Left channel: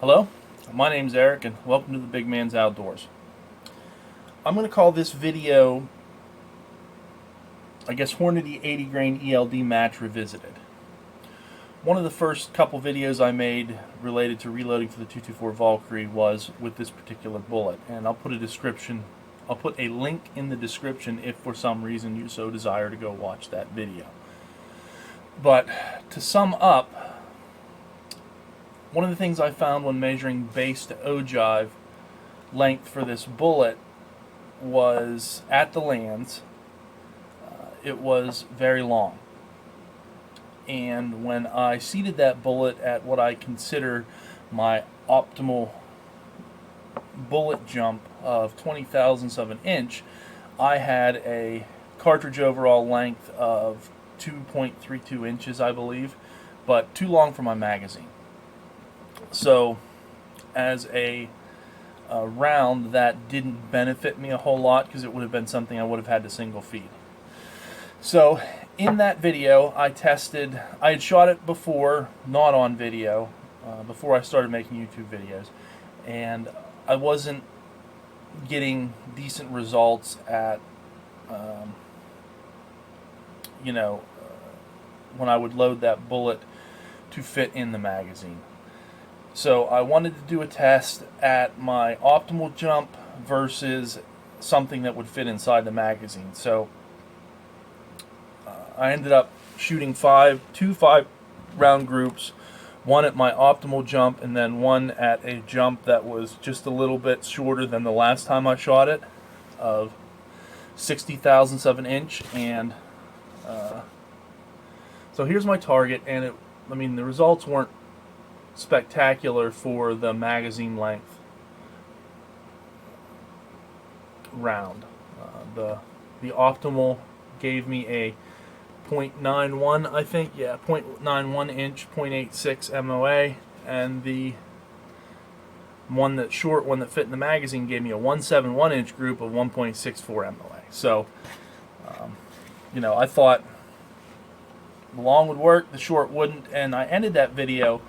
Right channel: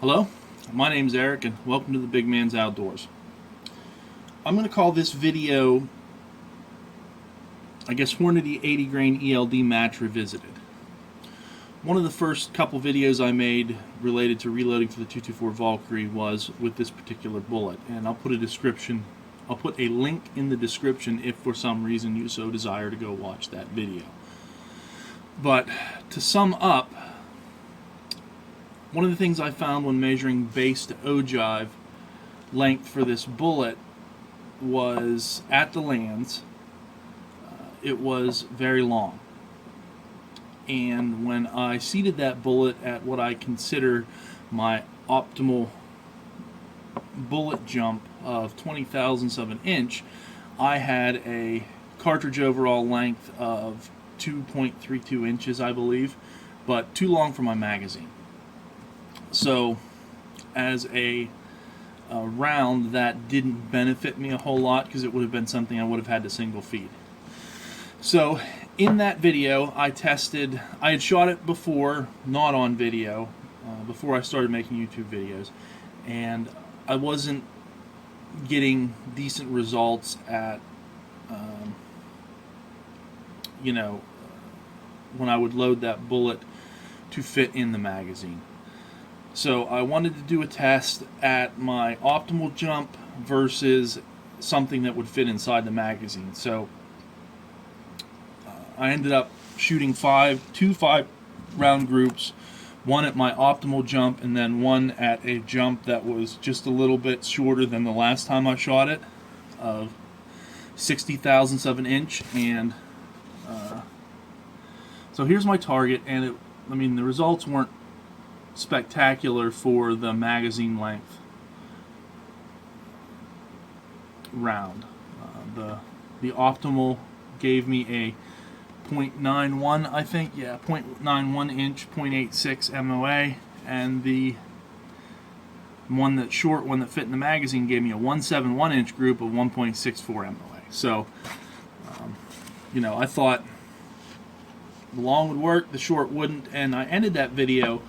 Hello, my name's Eric and welcome to the Big Man's Outdoors. I'm going to call this video, I guess, Hornady 80 Grain ELD Match Revisited. One of the first couple videos I made related to reloading for the 224 Valkyrie was with this particular bullet, and I'll put a link in the description if for some reason you so desire to go watch that video. But to sum up, one of the things I found when measuring base to ogive length for this bullet was at the lands, it was very long. And when I seated that bullet at what I consider my optimal bullet jump of 20,000ths of an inch, I had a cartridge overall length of 2.32 inches, I believe, but too long for my magazine. So, as a round, that didn't benefit me a whole lot because it would have been something I would have had to single feed. So, in that video, I had shot it before, not on video, before I started making YouTube videos, and I wasn't getting decent results at, when I would load that bullet to fit in the magazine. So I wanted to do a test at my optimal jump versus something that would fit inside the magazine. So I ended up shooting two 5-round groups, one at my optimal jump and then one at a jump that was just a little bit shorter than the last time I shot it, of 60,000ths of an inch. And so here's my target, and the results weren't spectacular for the magazine length round. The optimal gave me a 0.91, I think, 0.91 inch, 0.86 MOA, and the one that fit in the magazine gave me a 171 inch group of 1.64 MOA. So, I thought the long would work, the short wouldn't, and I ended that video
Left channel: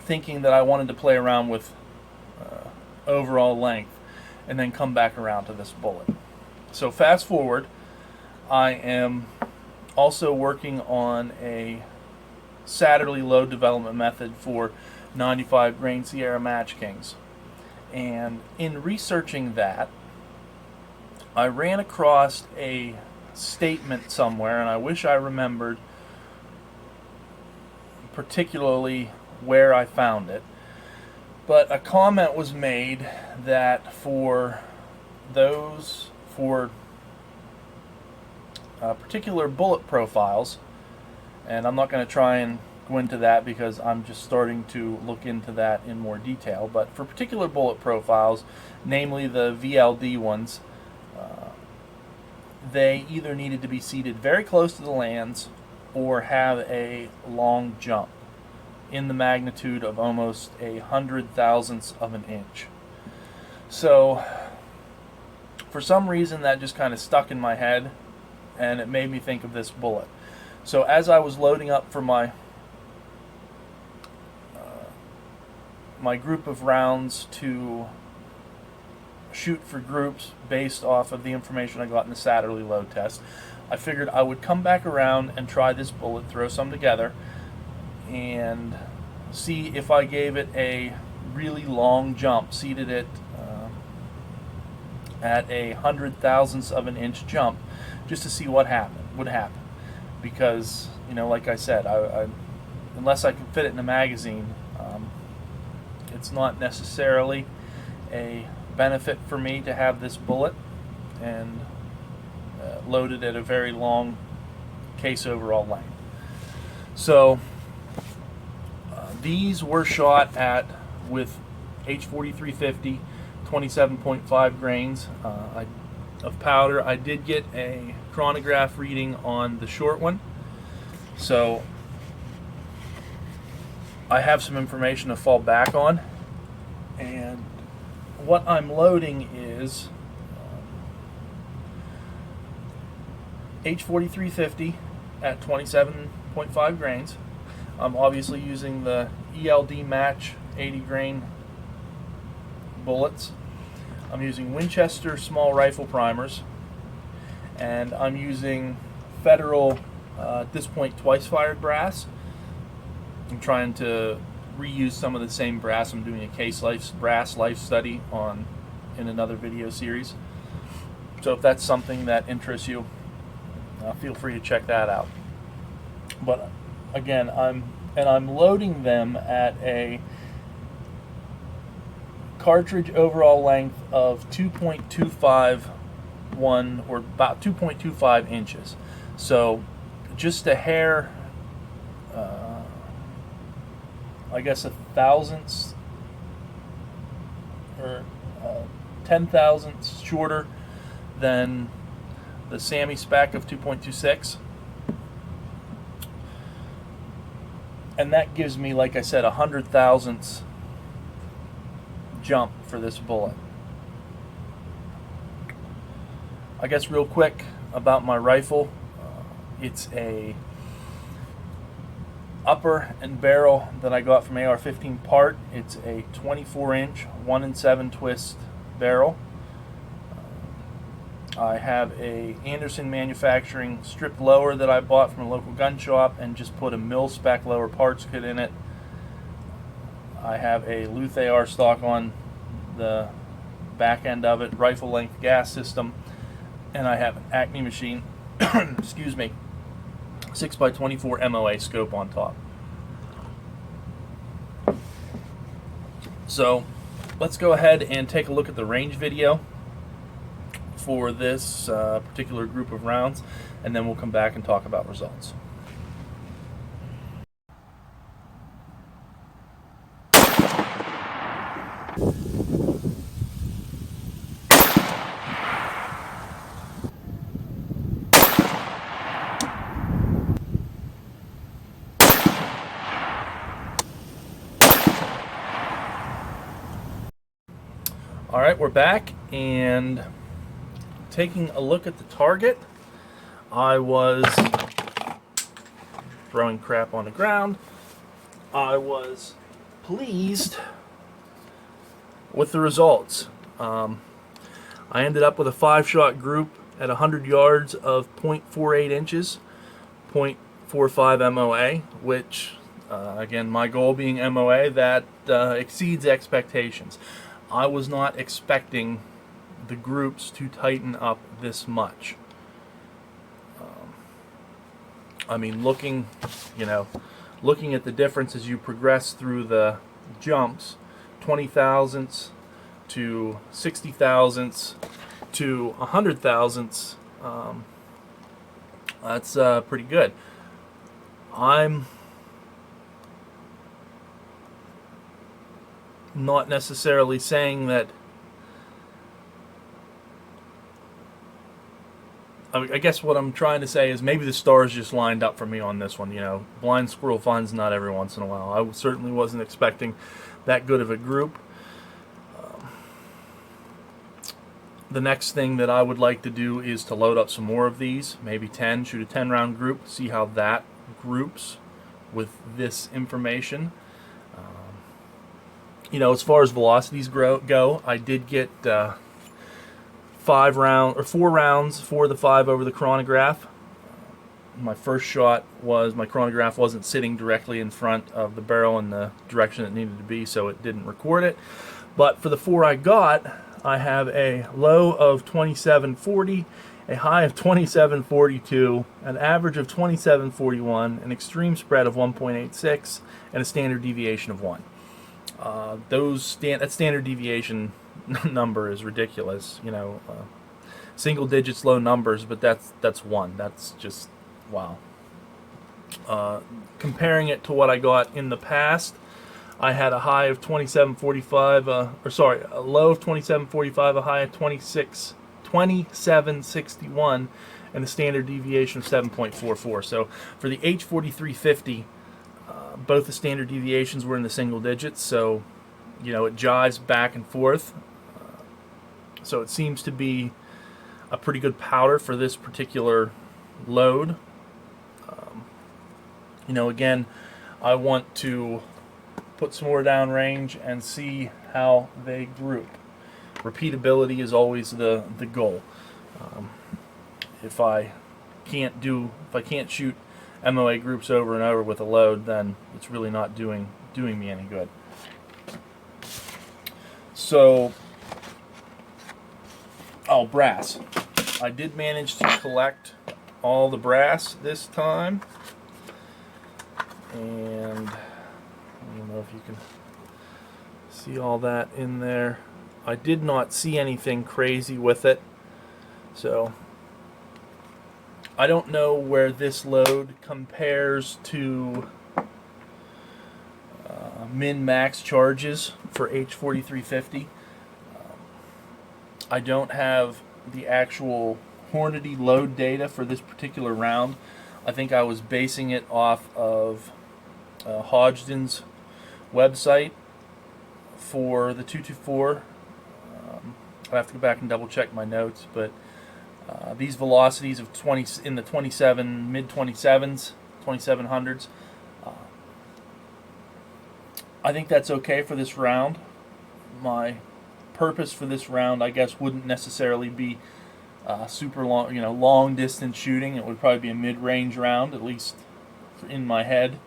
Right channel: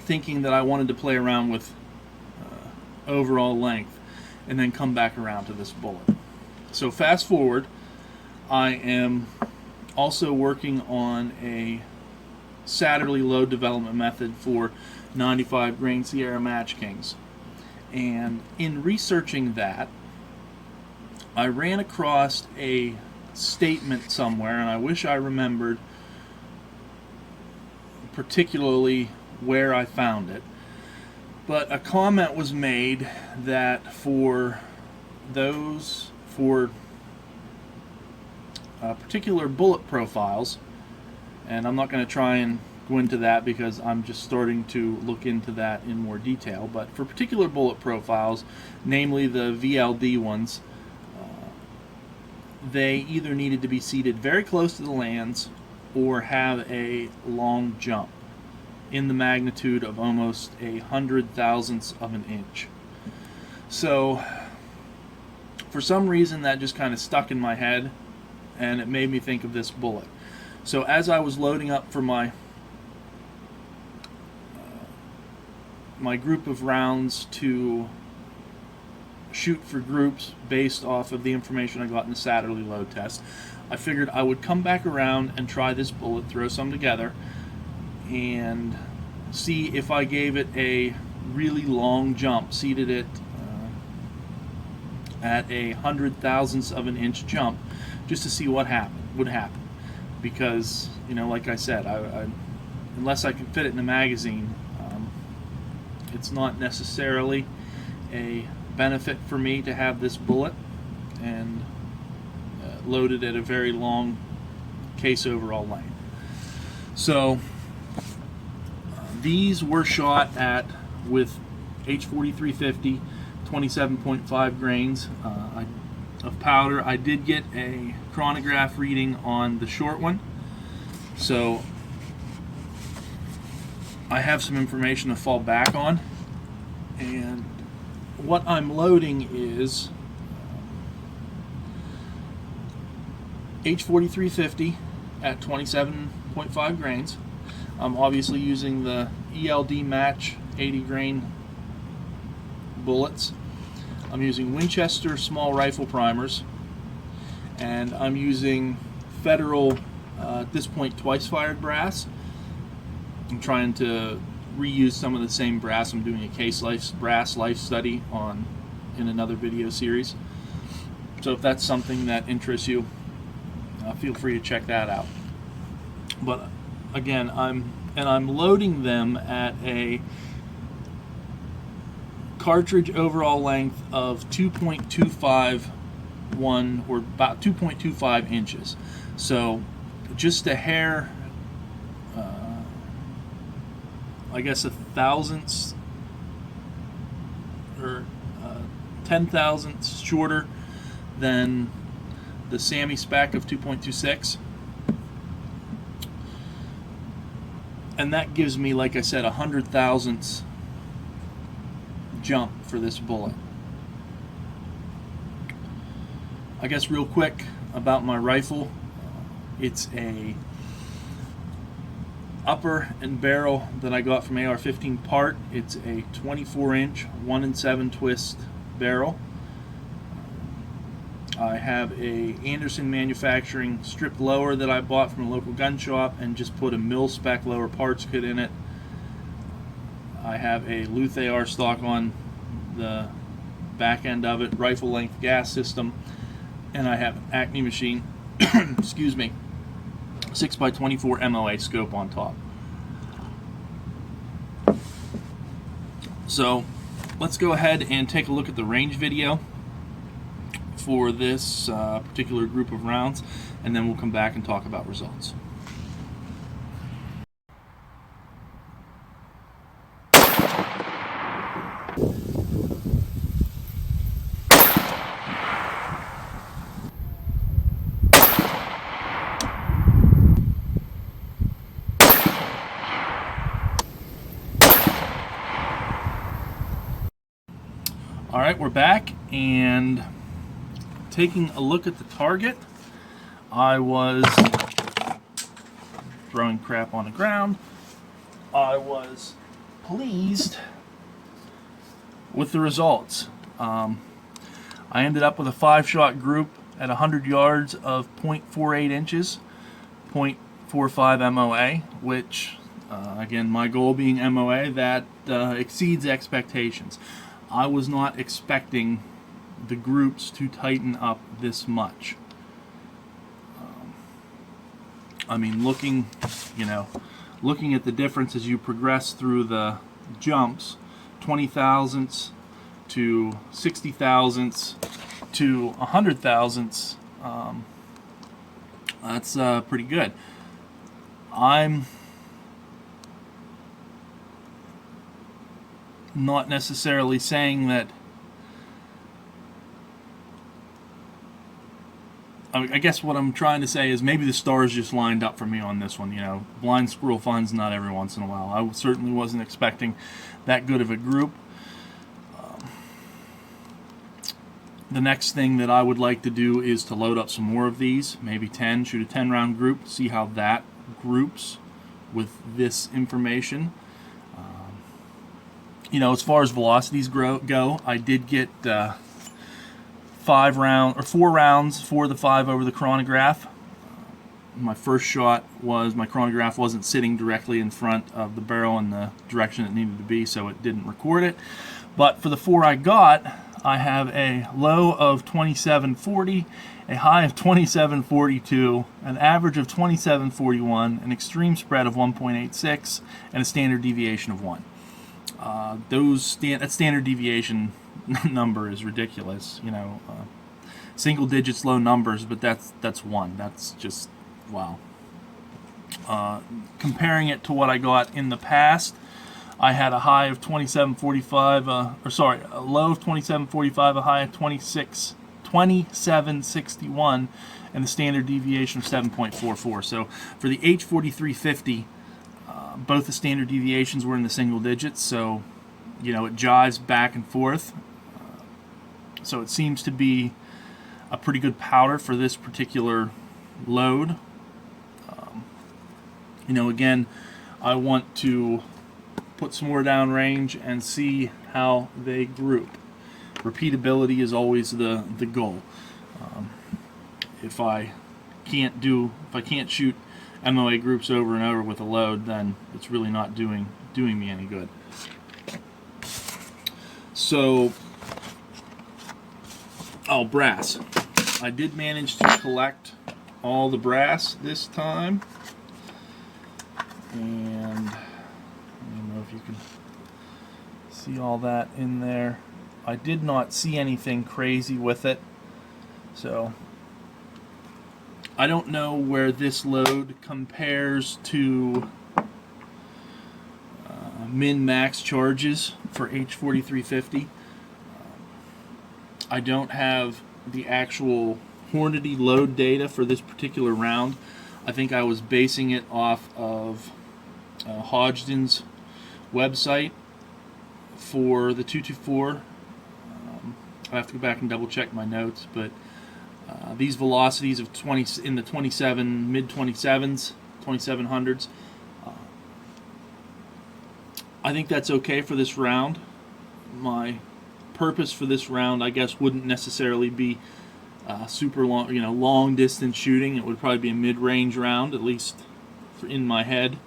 thinking that I wanted to play around with overall length and then come back around to this bullet. So fast forward, I am also working on a Saturday load development method for 95 grain Sierra Match Kings. And in researching that, I ran across a statement somewhere, and I wish I remembered particularly where I found it, but a comment was made that for particular bullet profiles, and I'm not going to try and go into that because I'm just starting to look into that in more detail, but for particular bullet profiles, namely the VLD ones, they either needed to be seated very close to the lands or have a long jump in the magnitude of almost 100,000ths of an inch. So for some reason that just kind of stuck in my head, and it made me think of this bullet. So as I was loading up for my group of rounds to shoot for groups based off of the information I got in the Saturday load test, I figured I would come back around and try this bullet, throw some together, and see if I gave it a really long jump, seated it at 100,000ths of an inch jump, just to see what would happen. Because, like I said, I unless I can fit it in a magazine, it's not necessarily a benefit for me to have this bullet and loaded at a very long case overall length. So these were shot with H4350, 27.5 grains of powder. I did get a chronograph reading on the short one, so I have some information to fall back on. And what I'm loading is H4350 at 27.5 grains. I'm obviously using the ELD Match 80 grain bullets. I'm using Winchester small rifle primers, and I'm using Federal, at this point, twice fired brass. I'm trying to reuse some of the same brass. I'm doing a case brass life study in another video series. So if that's something that interests you, feel free to check that out. But again, I'm loading them at a cartridge overall length of 2.251, or about 2.25 inches. So just a hair, I guess a thousandth or 10,000ths shorter than the Mil-spec of 2.26. And that gives me, like I said, 100,000ths jump for this bullet. I guess real quick about my rifle. It's a upper and barrel that I got from AR-15 part. It's a 24-inch 1-in-7 twist barrel. I have a Anderson Manufacturing stripped lower that I bought from a local gun shop and just put a Mil-spec lower parts kit in it. I have a Luth AR stock on the back end of it, rifle length gas system, and I have an Acme machine, excuse me, 6x24 MOA scope on top. So let's go ahead and take a look at the range video for this particular group of rounds, and then we'll come back and talk about results. All right, we're back, and taking a look at the target. I was throwing crap on the ground. I was pleased with the results. I ended up with a 5-shot group at 100 yards of 0.48 inches, 0.45 MOA, which, again, my goal being MOA, that exceeds expectations. I was not expecting the groups to tighten up this much. I mean, looking at the difference as you progress through the jumps, 20 thousandths to 60 thousandths to 100 thousandths, that's pretty good. I'm not necessarily saying that. I guess what I'm trying to say is maybe the stars just lined up for me on this one. Blind squirrel finds nut every once in a while. I certainly wasn't expecting that good of a group. The next thing that I would like to do is to load up some more of these, maybe 10, shoot a 10-round group, see how that groups with this information. As far as velocities go, I did get 4 rounds for the 5 over the chronograph. My first shot was, my chronograph wasn't sitting directly in front of the barrel in the direction it needed to be, so it didn't record it. But for the 4 I got, I have a low of 2740, a high of 2742, an average of 2741, an extreme spread of 1.86, and a standard deviation of 1. That standard deviation number is ridiculous. Single digits, low numbers, but that's 1. That's just wow. Comparing it to what I got in the past, I had a high of 2745, a low of 2745, a high of 2761, and a standard deviation of 7.44. So for the H4350, both the standard deviations were in the single digits, so it jives back and forth. So it seems to be a pretty good powder for this particular load. Again, I want to put some more downrange and see how they group. Repeatability is always the goal. If I can't shoot MOA groups over and over with a load, then it's really not doing me any good. So, brass. I did manage to collect all the brass this time, and I don't know if you can see all that in there. I did not see anything crazy with it, so I don't know where this load compares to min-max charges for H4350. I don't have the actual Hornady load data for this particular round. I think I was basing it off of Hodgdon's website for the 224. I have to go back and double check my notes, but these velocities of 20 in the 27 mid 27s, 2700s. I think that's okay for this round. My purpose for this round, I guess, wouldn't necessarily be super long, long distance shooting. It would probably be a mid-range round, at least in my head.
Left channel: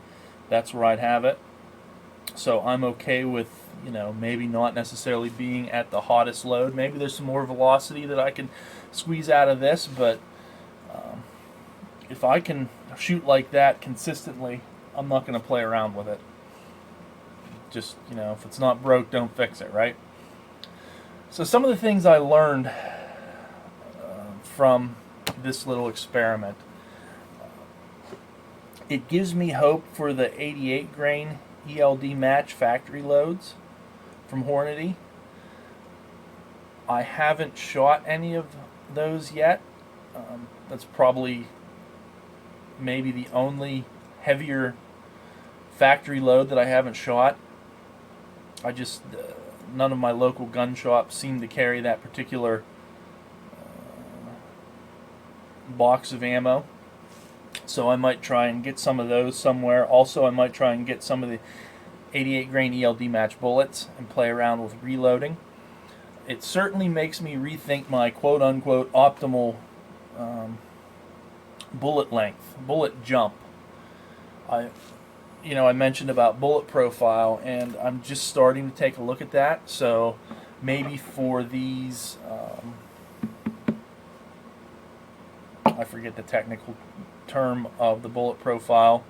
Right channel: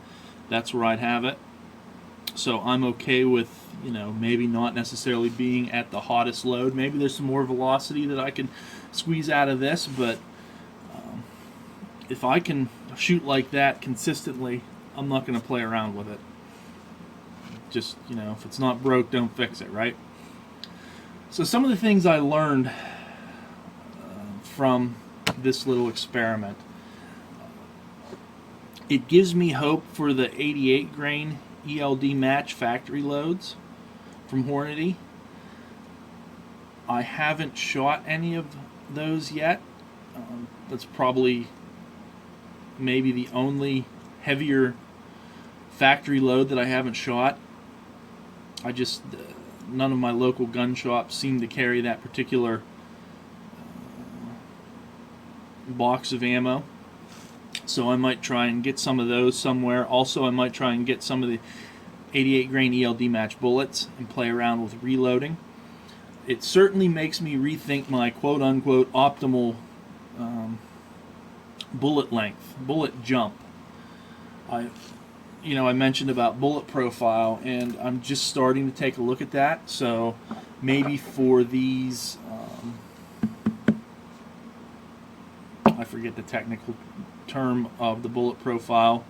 That's where I'd have it. So I'm okay with, maybe not necessarily being at the hottest load. Maybe there's some more velocity that I can squeeze out of this, but if I can shoot like that consistently, I'm not going to play around with it. Just, if it's not broke, don't fix it, right? So some of the things I learned from this little experiment. It gives me hope for the 88 grain ELD Match factory loads from Hornady. I haven't shot any of those yet. That's probably maybe the only heavier factory load that I haven't shot. I just none of my local gun shops seem to carry that particular box of ammo, so I might try and get some of those somewhere. Also, I might try and get some of the 88 grain ELD Match bullets and play around with reloading. It certainly makes me rethink my quote-unquote optimal bullet length, bullet jump. I mentioned about bullet profile, and I'm just starting to take a look at that. So maybe for these, I forget the technical term of the bullet profile,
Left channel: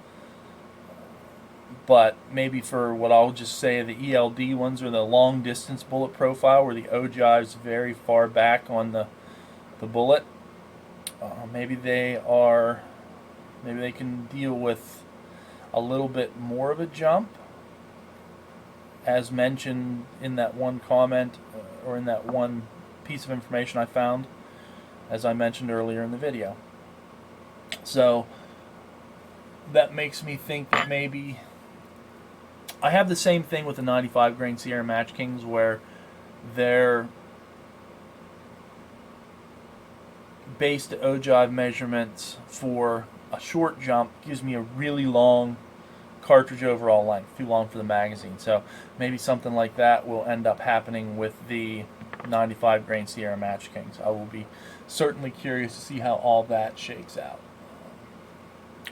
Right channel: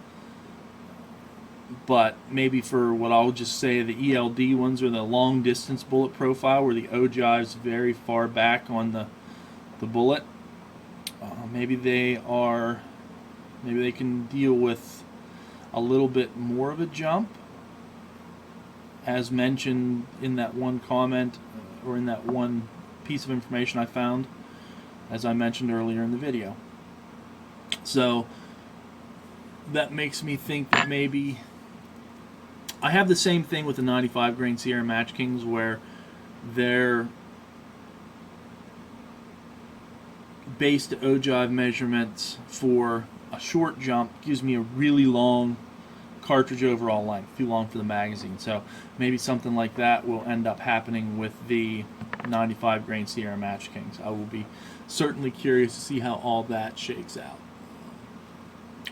but maybe for what I'll just say the ELD ones, or the long distance bullet profile, where the ogive's very far back on the bullet. Maybe they can deal with a little bit more of a jump, as mentioned in that one comment, or in that one piece of information I found, as I mentioned earlier in the video. So that makes me think that maybe I have the same thing with the 95 grain Sierra Match Kings, where their base to ogive measurements for a short jump gives me a really long cartridge overall length, too long for the magazine. So maybe something like that will end up happening with the 95 grain Sierra Match Kings. I will be certainly curious to see how all that shakes out.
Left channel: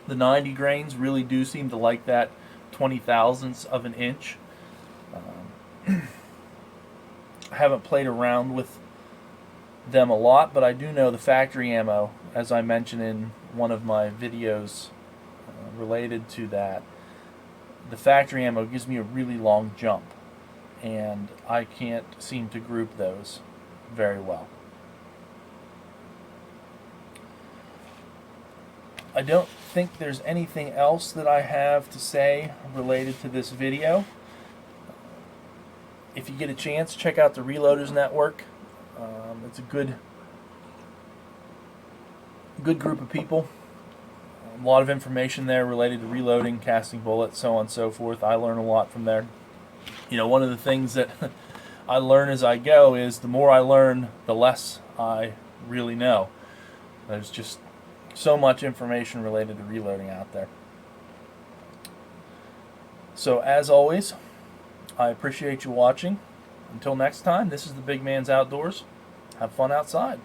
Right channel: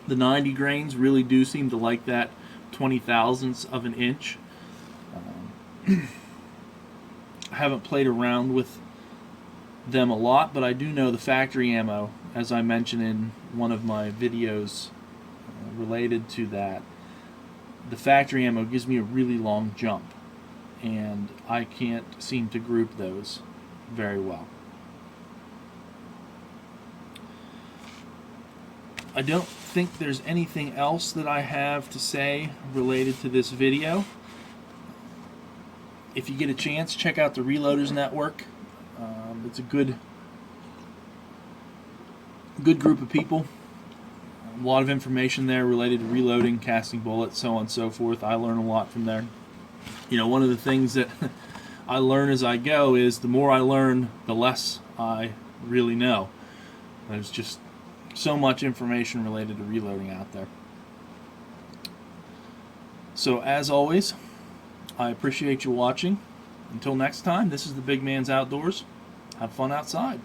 The 90 grains really do seem to like that 20 thousandths of an inch. I haven't played around with them a lot, but I do know the factory ammo, as I mentioned in one of my videos related to that. The factory ammo gives me a really long jump, and I can't seem to group those very well. I don't think there's anything else that I have to say related to this video. If you get a chance, check out the Reloaders Network. It's a good group of people. A lot of information there related to reloading, casting bullets, so on and so forth. I learn a lot from there. One of the things that I learn as I go is the more I learn, the less I really know. There's just so much information related to reloading out there. So as always, I appreciate you watching. Until next time, this is the Big Man's Outdoors. Have fun outside.